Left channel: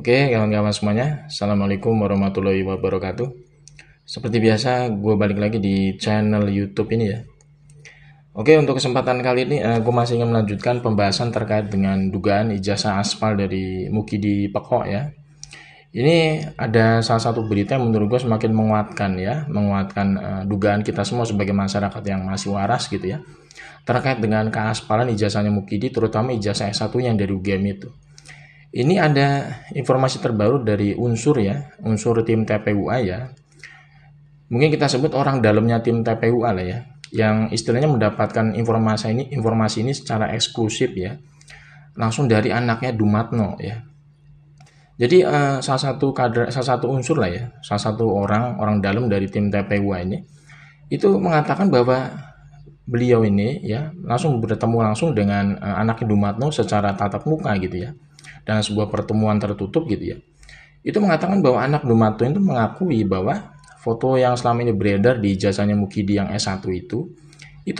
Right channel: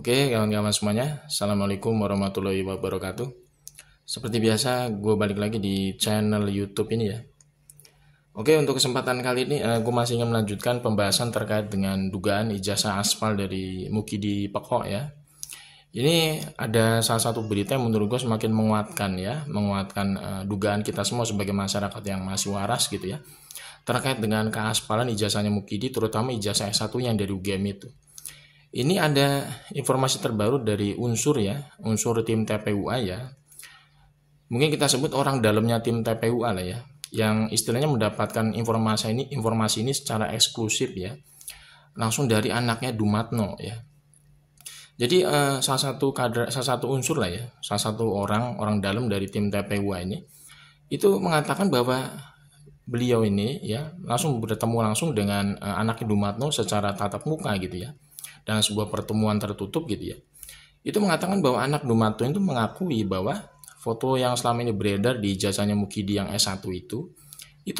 Oke, kawan-kawan semuanya, Assalamualaikum warahmatullahi wabarakatuh. Seperti biasa, gue balik lagi di channel YouTube ini ya. Oke, untuk kesempatan kali ini, gue masih ingin melanjutkan pembahasan terkait dengan dugaan ijazah aspal dari Mukidi Pekok ya. Ini ada salah satu berita yang menurut gue semakin menguatkan ya, dugaan kita semua sebagai masyarakat yang masih waras gitu ya, terkait dengan keaspalan ijazahnya Mukidi, terutama ijazah S1 yang dari UGM itu. Ini ada informasi terbaru dari unsur tim TPUA ya. Mungkin kita sebut orang dalamnya tim TPUA lah ya, yang istilahnya mendapatkan informasi ini secara eksklusif ya, langsung dari anaknya Dumatno ya. Jadi salah satu unsur lah ya, salah satu orang dalam dari tim TPUA ini itu mengatakan bahwa beliau ini ya bertemu langsung dengan anaknya Dumatno secara tatap muka gitu ya, dalam sebuah pertemuan tertutup gitu ya. Itu mengatakan bahwa anak Dumatno itu mengakui bahwa foto yang selama ini beredar di ijazahnya Mukidi yang S1 itu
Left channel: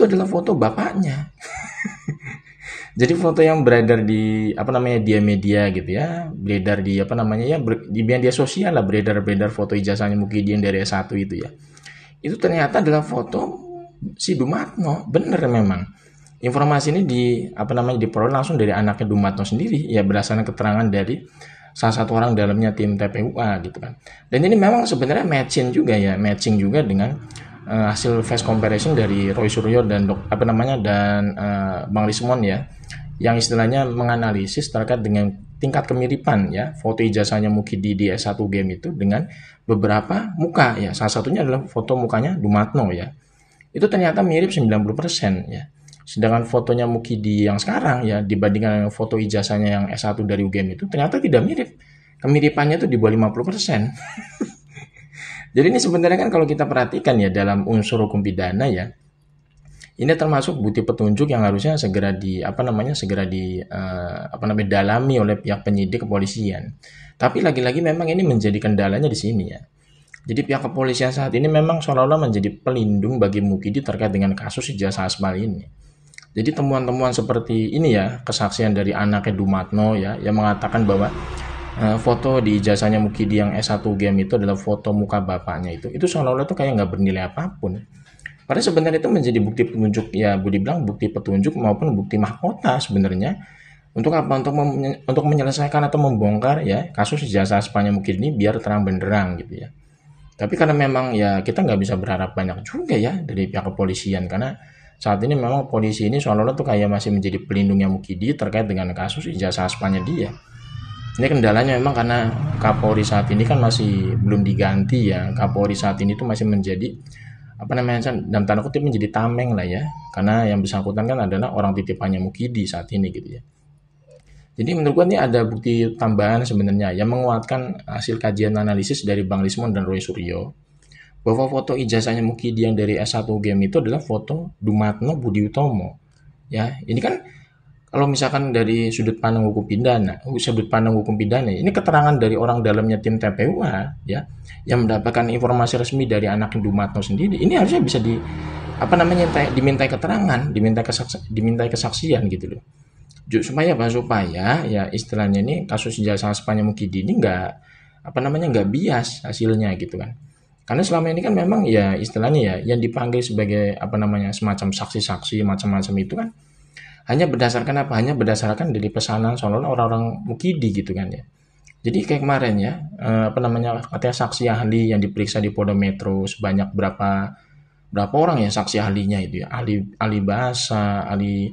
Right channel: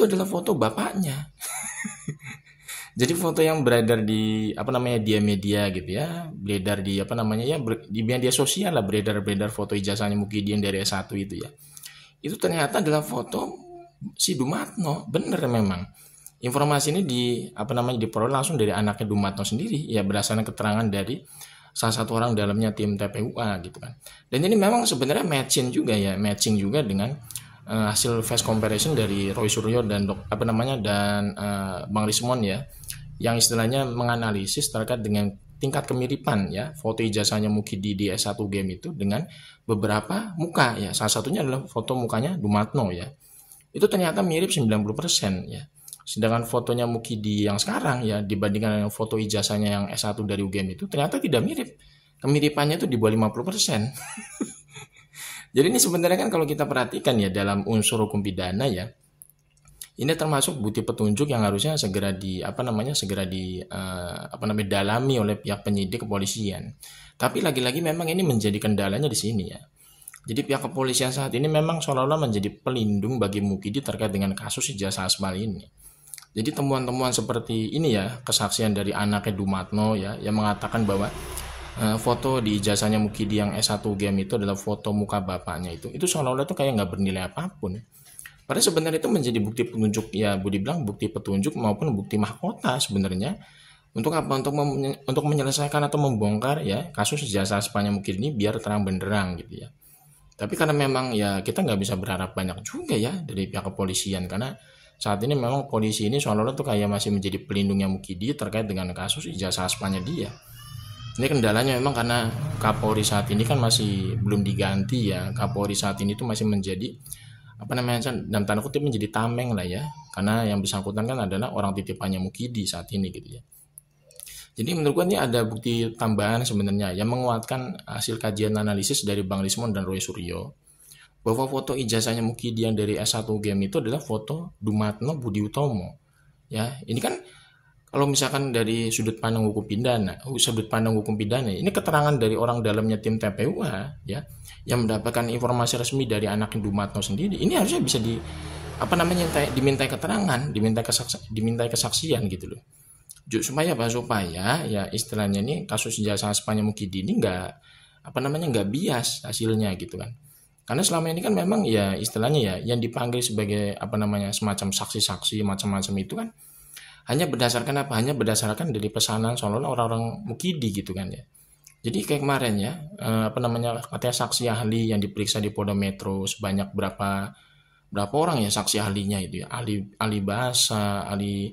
adalah foto bapaknya. Jadi foto yang beredar di dia media gitu ya, beredar di di media sosial lah, beredar foto ijazahnya Mukidi yang dari S1 itu ya. Itu ternyata adalah foto si Dumatno, bener memang. Informasi ini diperoleh langsung dari anaknya Dumatno sendiri ya, berdasarkan keterangan dari salah satu orang dalamnya tim TPUA gitu kan. Dan ini memang sebenarnya matching juga dengan hasil face comparison dari Roy Suryo dan Bang Rismon ya, yang istilahnya menganalisis terkait dengan tingkat kemiripan ya foto ijazahnya Mukidi di S1 game itu dengan beberapa muka ya. Salah satunya adalah foto mukanya Dumatno ya. Itu ternyata mirip 90% ya. Sedangkan fotonya Mukidi yang sekarang ya dibandingkan dengan foto ijazahnya yang S1 dari UGM itu ternyata tidak mirip. Kemiripannya itu di bawah 50%. Jadi ini sebenarnya kan kalau kita perhatikan ya dalam unsur hukum pidana ya, ini termasuk bukti petunjuk yang harusnya segera dalami oleh pihak penyidik kepolisian. Tapi lagi-lagi memang ini menjadi kendalanya di sini ya. Jadi pihak kepolisian saat ini memang seolah-olah menjadi pelindung bagi Mukidi terkait dengan kasus ijazah aspal ini. Jadi temuan-temuan seperti ini ya, kesaksian dari anaknya Dumatno ya, yang mengatakan bahwa foto di ijazahnya Mukidi yang S1 game itu adalah foto muka bapaknya itu seolah-olah itu kayak nggak bernilai apapun. Padahal sebenarnya itu menjadi bukti petunjuk ya, boleh dibilang bukti petunjuk maupun bukti mahkota sebenarnya. Untuk apa? Untuk menyelesaikan atau membongkar ya kasus ijazah aspalnya Mukidi ini biar terang benderang gitu ya. Tapi karena memang ya kita nggak bisa berharap banyak juga ya dari pihak kepolisian, karena saat ini memang polisi ini seolah-olah tuh kayak masih menjadi pelindungnya Mukidi terkait dengan kasus ijazah aspalnya dia. Ini kendalanya memang karena Kapolri saat ini kan masih belum diganti ya. Kapolri saat ini tuh masih menjadi dalam tanda kutip menjadi tameng lah ya, karena yang bersangkutan kan adalah orang titipannya Mukidi saat ini gitu ya. Jadi menurut gue ini ada bukti tambahan sebenarnya yang menguatkan hasil kajian analisis dari Bang Rismon dan Roy Suryo bahwa foto ijazahnya Mukidi yang dari S1 game itu adalah foto Dumatno Budi Utomo. Ya, ini kan kalau misalkan dari sudut pandang hukum pidana, ini keterangan dari orang dalamnya tim TPUA ya, yang mendapatkan informasi resmi dari anak Dumatno sendiri. Ini harusnya bisa dimintai keterangan, dimintai kesaksian gitu loh. Supaya ya istilahnya ini kasus ijazah aspalnya Mukidi ini nggak bias hasilnya gitu kan. Karena selama ini kan memang ya istilahnya ya yang dipanggil sebagai semacam saksi-saksi macam-macam itu kan hanya berdasarkan dari pesanan soal orang-orang Mukidi gitu kan ya. Jadi kayak kemarin ya katanya saksi ahli yang diperiksa di Polda Metro sebanyak berapa orang ya saksi ahlinya itu ya, ahli bahasa, ahli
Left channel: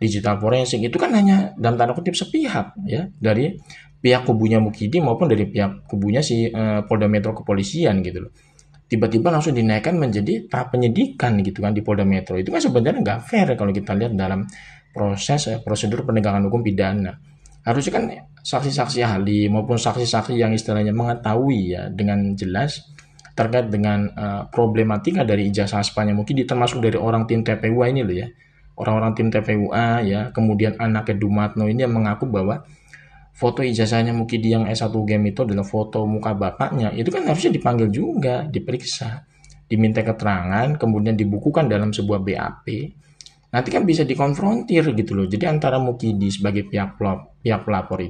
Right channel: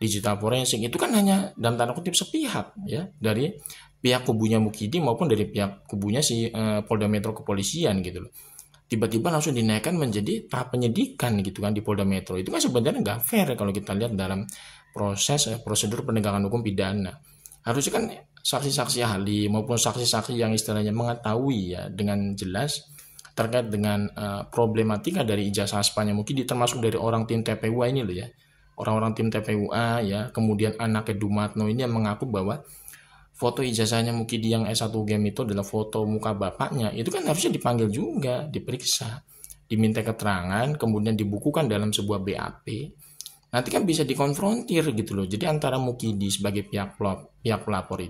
digital forensik, itu kan hanya dalam tanda kutip sepihak ya, dari pihak kubunya Mukidi maupun dari pihak kubunya si Polda Metro kepolisian gitu loh. Tiba-tiba langsung dinaikkan menjadi tahap penyidikan gitu kan di Polda Metro. Itu kan sebenarnya nggak fair kalau kita lihat dalam prosedur penegakan hukum pidana. Harusnya kan saksi-saksi ahli maupun saksi-saksi yang istilahnya mengetahui ya dengan jelas terkait dengan problematika dari ijazah aspalnya Mukidi, termasuk dari orang tim TPUA ini loh ya. Orang-orang tim TPUA ya, kemudian anaknya Dumatno ini yang mengaku bahwa foto ijazahnya Mukidi yang S1 game itu adalah foto muka bapaknya. Itu kan harusnya dipanggil juga, diperiksa, diminta keterangan, kemudian dibukukan dalam sebuah BAP. Nanti kan bisa dikonfrontir gitu loh. Jadi antara Mukidi sebagai pihak pelapor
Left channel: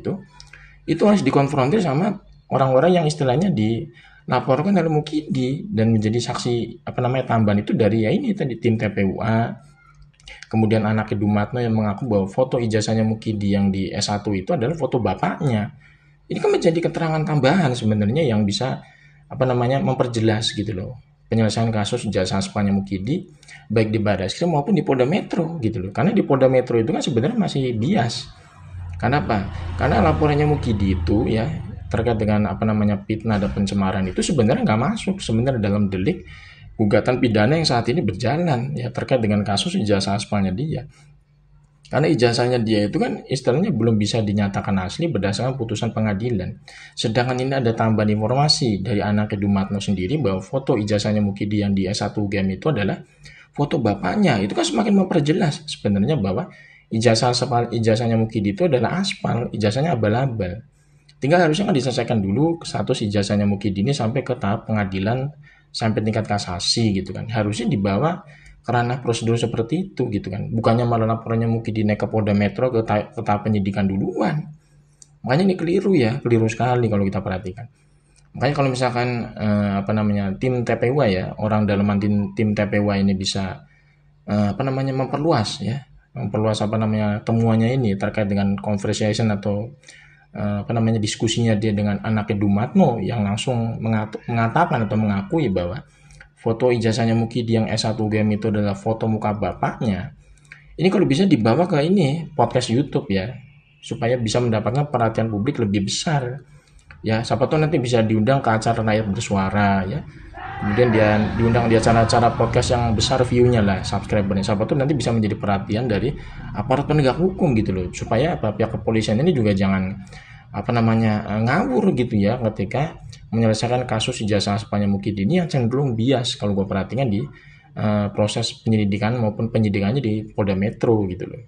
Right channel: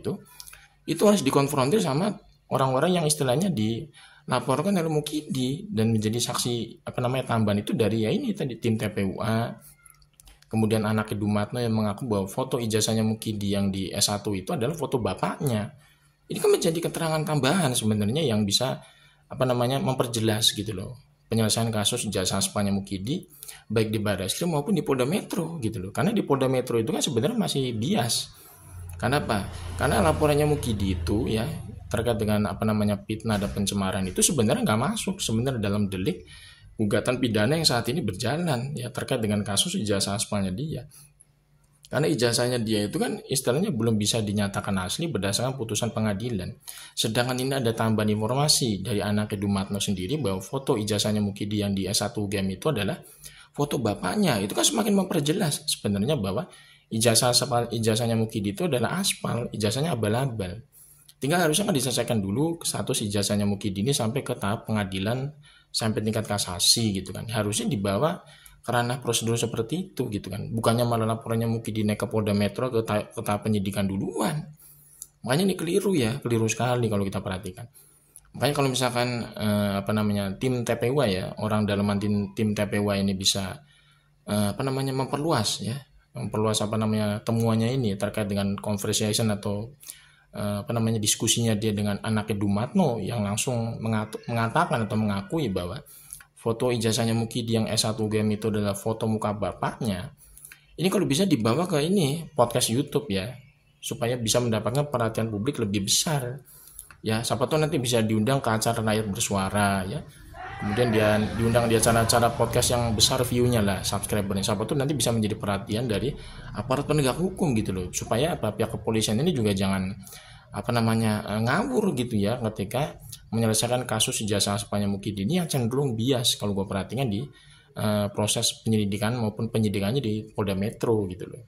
itu harus dikonfrontir sama orang-orang yang istilahnya dilaporkan oleh Mukidi dan menjadi saksi tambahan itu dari ya ini tadi tim TPUA. Kemudian anak Dumatno yang mengaku bahwa foto ijazahnya Mukidi yang di S1 itu adalah foto bapaknya. Ini kan menjadi keterangan tambahan sebenarnya yang bisa memperjelas gitu loh penyelesaian kasus ijazah aspalnya Mukidi baik di Barreskrim maupun di Polda Metro gitu loh. Karena di Polda Metro itu kan sebenarnya masih bias. Karena apa? Karena laporannya Mukidi itu ya terkait dengan fitnah dan pencemaran itu sebenarnya nggak masuk sebenarnya dalam delik gugatan pidana yang saat ini berjalan ya terkait dengan kasus ijazah aspalnya dia. Karena ijazahnya dia itu kan istilahnya belum bisa dinyatakan asli berdasarkan putusan pengadilan. Sedangkan ini ada tambahan informasi dari anak Dumatno sendiri bahwa foto ijazahnya Mukidi yang di S1 UGM itu adalah foto bapaknya. Itu kan semakin memperjelas sebenarnya bahwa ijazahnya Mukidi itu adalah aspal, ijazahnya abal-abal. Tinggal harusnya kan diselesaikan dulu status ijazahnya Mukidi ini sampai ke tahap pengadilan sampai tingkat kasasi gitu kan. Harusnya dibawa karena prosedur seperti itu gitu kan. Bukannya malah laporannya Mukidi naik ke Polda Metro ke tahap penyidikan duluan. Makanya ini keliru sekali kalau kita perhatikan. Makanya kalau misalkan tim TPUA ya, orang dalaman tim TPUA ini bisa memperluas temuannya ini terkait dengan conversation atau diskusinya dia dengan anak Dumatno yang langsung mengatakan atau mengakui bahwa foto ijazahnya Mukidi yang S1 UGM itu adalah foto muka bapaknya. Ini kalau bisa dibawa ke podcast YouTube ya, supaya bisa mendapatkan perhatian publik lebih besar. Ya, siapa tahu nanti bisa diundang ke acara Rakyat Bersuara ya. Kemudian dia diundang di acara-acara podcast yang besar view-nya lah, subscribernya. Siapa tahu nanti bisa menjadi perhatian dari aparat penegak hukum gitu loh. Supaya pihak kepolisian ini juga jangan ngawur gitu ya ketika menyelesaikan kasus ijazah aspalnya Mukidi ini yang cenderung bias kalau gue perhatikan di proses penyelidikan maupun penyidikannya di Polda Metro gitu loh.